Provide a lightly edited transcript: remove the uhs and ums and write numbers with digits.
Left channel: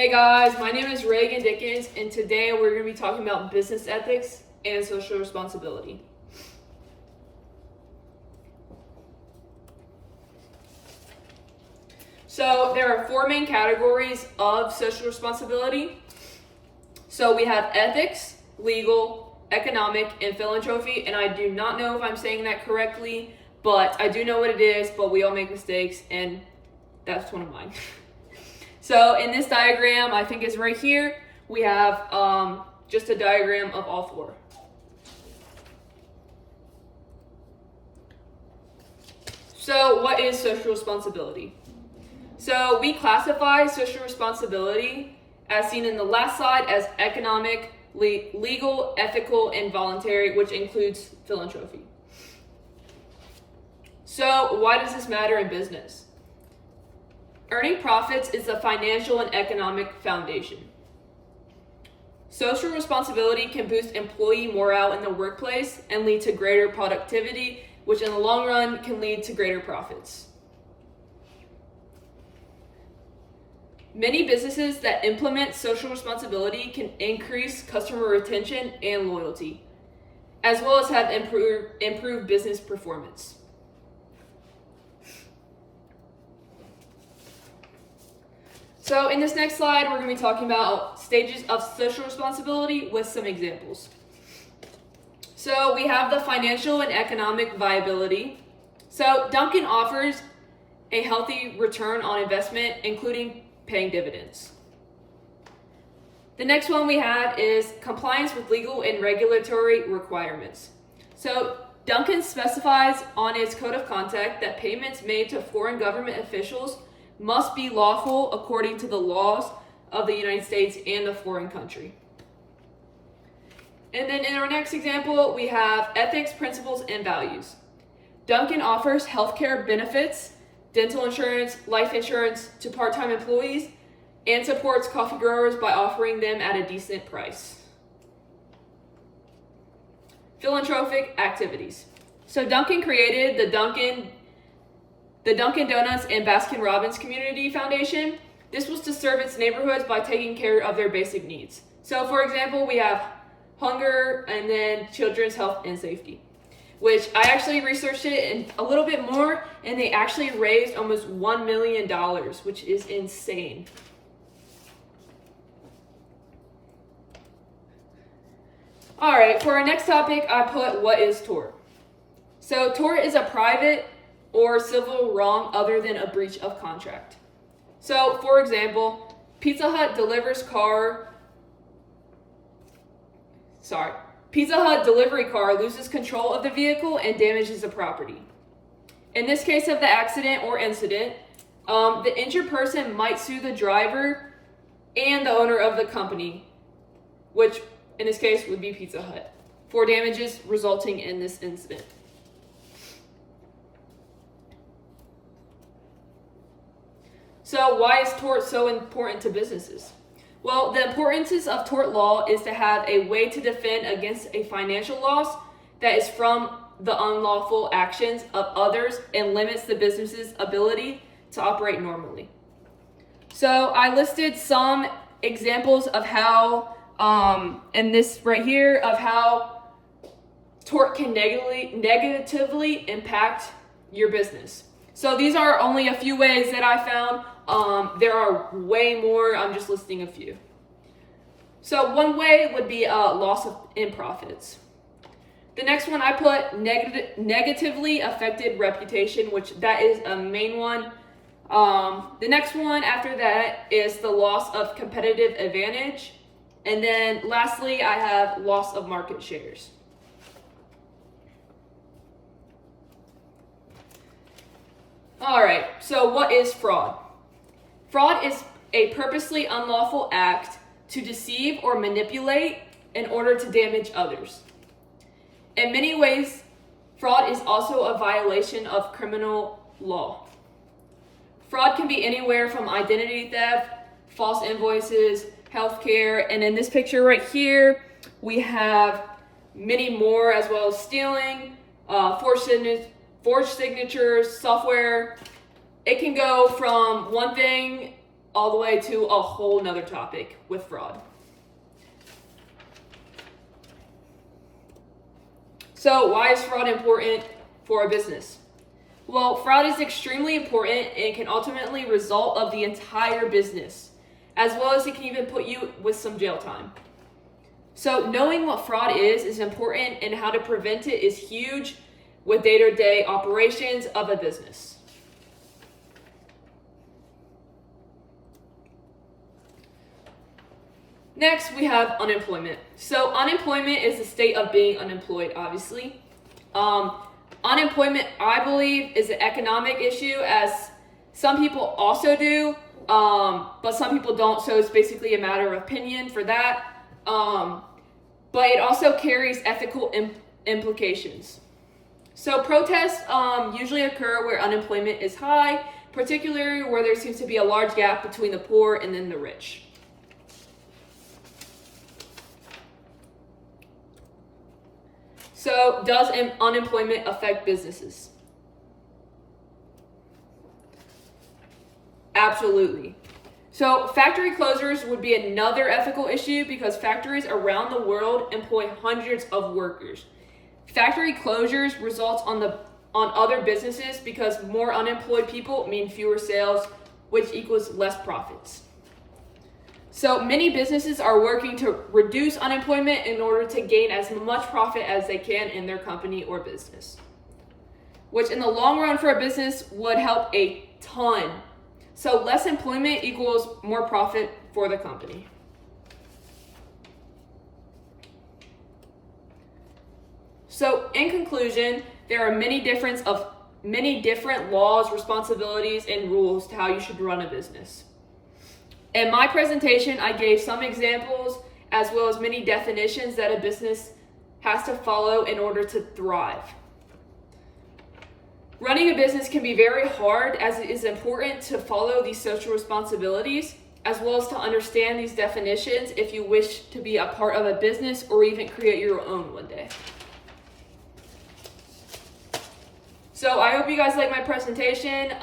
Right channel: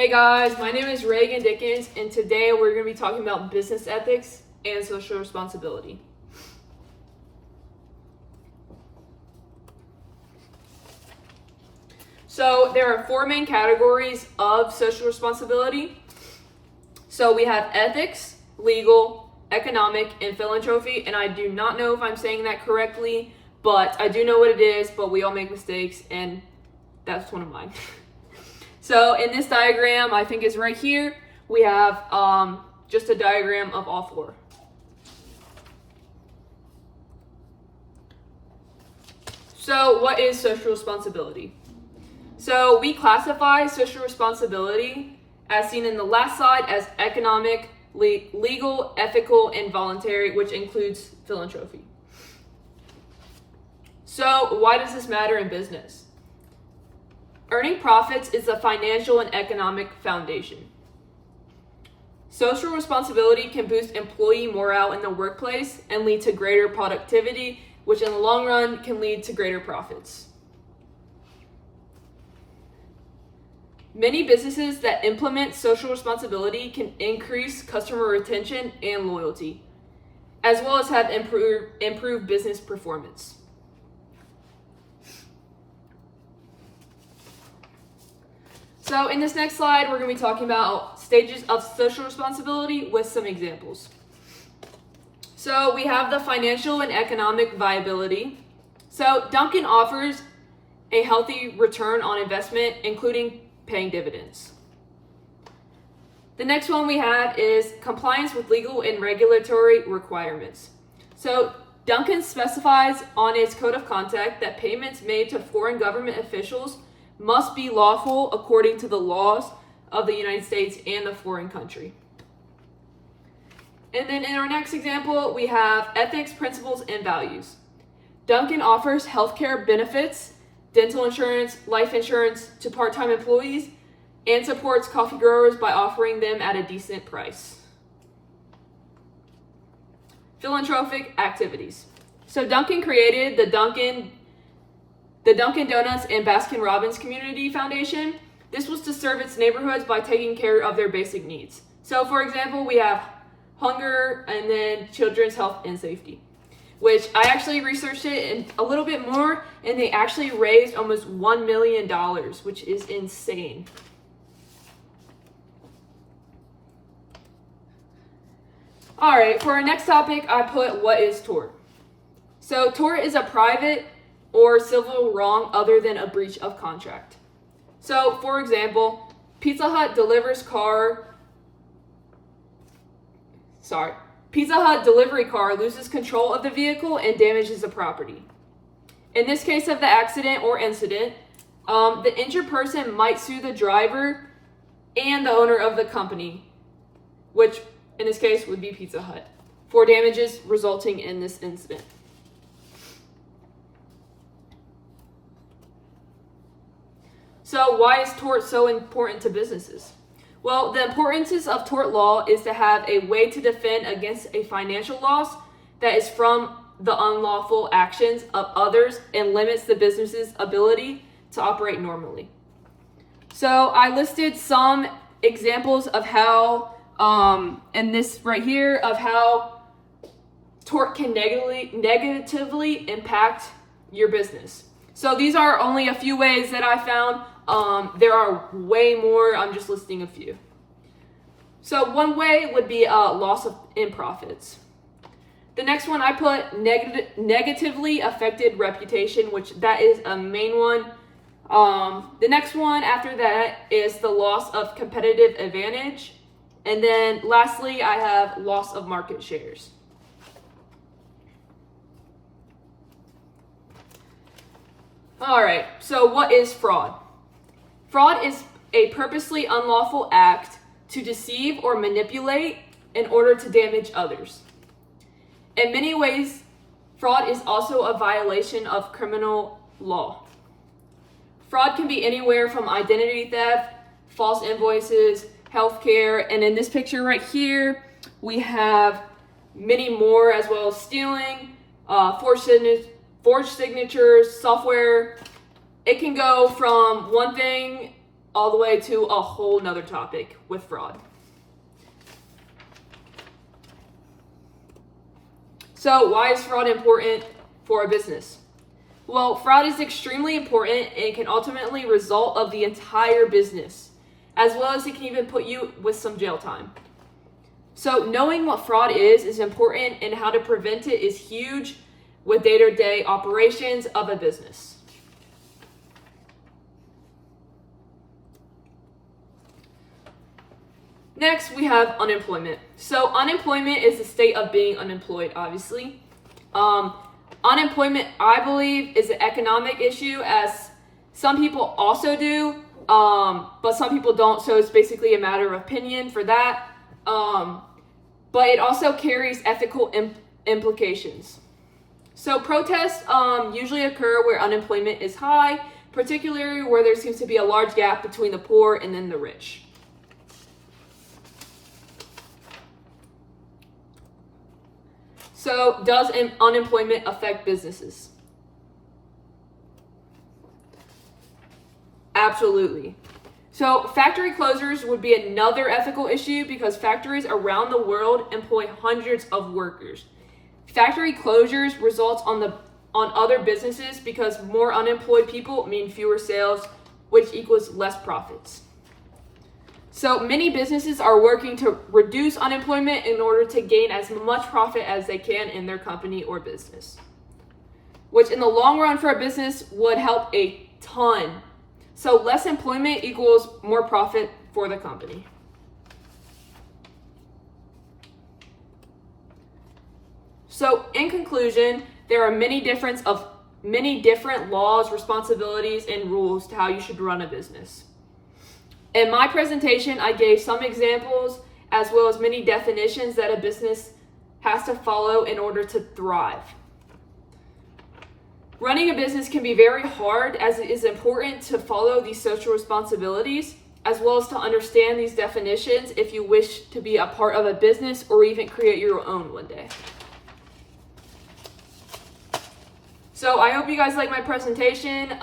Hey guys, my name is Reagan Dickens, and today we're going to be talking about business ethics and social responsibility. So there are four main categories of social responsibility. So we have ethics, legal, economic, and philanthropy, and I do not know if I'm saying that correctly, but I do know what it is, but we all make mistakes, and that's one of mine. So in this diagram, I think it's right here, we have just a diagram of all four. So what is social responsibility? So we classify social responsibility, as seen in the last slide, as economic, legal, ethical, and voluntary, which includes philanthropy. So why does this matter in business? Earning profits is the financial and economic foundation. Social responsibility can boost employee morale in the workplace and lead to greater productivity, which in the long run can lead to greater profits. Many businesses that implement social responsibility can increase customer retention and loyalty, as well as have improved business performance. So in this next slide, we're going to be talking about stages of social responsibility with some examples. So we have the financial and economic viability. So Dunkin' offers a healthy return on investment, including paying dividends. The next one we have is compliance with legal and regulatory requirements. So Dunkin' specifies on its code of conduct that payments made to foreign government officials must be lawful according to the laws of the United States and the foreign country. And then in our next example, we have ethics, principles, and values. Dunkin' offers healthcare benefits, dental insurance, life insurance to part-time employees, and supports coffee growers by offering them at a decent price. Philanthropic activities. So Dunkin' created the Dunkin' Donuts and Baskin Robbins Community Foundation. This was to serve its neighborhoods by taking care of their basic needs. So for example, we have hunger and then children's health and safety, which I actually researched it and a little bit more, and they actually raised almost $1 million, which is insane. All right, for our next topic, I put what is tort. So tort is a private or civil wrong other than a breach of contract. So, for example, Pizza Hut delivery car loses control of the vehicle and damages the property. In this case of the accident or incident, the injured person might sue the driver and the owner of the company, which in this case would be Pizza Hut, for damages resulting in this incident. So why is tort so important to businesses? Well, the importance of tort law is to have a way to defend against a financial loss that is from the unlawful actions of others and limits the business's ability to operate normally. So I listed some examples of how, and this right here, of how tort can negatively impact your business. So these are only a few ways that I found. There are way more. I'm just listing a few. So one way would be loss in profits. The next one I put negatively affected reputation, which that is a main one. The next one after that is the loss of competitive advantage. And then lastly, I have loss of market shares. All right, so what is fraud? Fraud is a purposely unlawful act to deceive or manipulate in order to damage others. In many ways, fraud is also a violation of criminal law. Fraud can be anywhere from identity theft, false invoices, healthcare, and in this picture right here, we have many more, as well as stealing, forged signatures, software. It can go from one thing all the way to a whole nother topic with fraud. So why is fraud important for a business? Well, fraud is extremely important and can ultimately result of the entire business, as well as it can even put you with some jail time. So knowing what fraud is important, and how to prevent it is huge with day-to-day operations of a business. Next, we have unemployment. So unemployment is the state of being unemployed, obviously. Unemployment, I believe, is an economic issue, as some people also do, but some people don't, so it's basically a matter of opinion for that. But it also carries ethical implications. So protests usually occur where unemployment is high, particularly where there seems to be a large gap between the poor and then the rich. So does unemployment affect businesses? Absolutely. So factory closures would be another ethical issue, because factories around the world employ hundreds of workers. Factory closures results on other businesses, because more unemployed people mean fewer sales, which equals less profits. So many businesses are working to reduce unemployment in order to gain as much profit as they can in their company or business, which in the long run for a business would help a ton. So less employment equals more profit for the company. So in conclusion, there are many different laws, responsibilities, and rules to how you should run a business. In my presentation, I gave some examples as well as many definitions that a business has to follow in order to thrive. Running a business can be very hard, as it is important to follow these social responsibilities, as well as to understand these definitions if you wish to be a part of a business or even create your own one day. So I hope you guys like my presentation.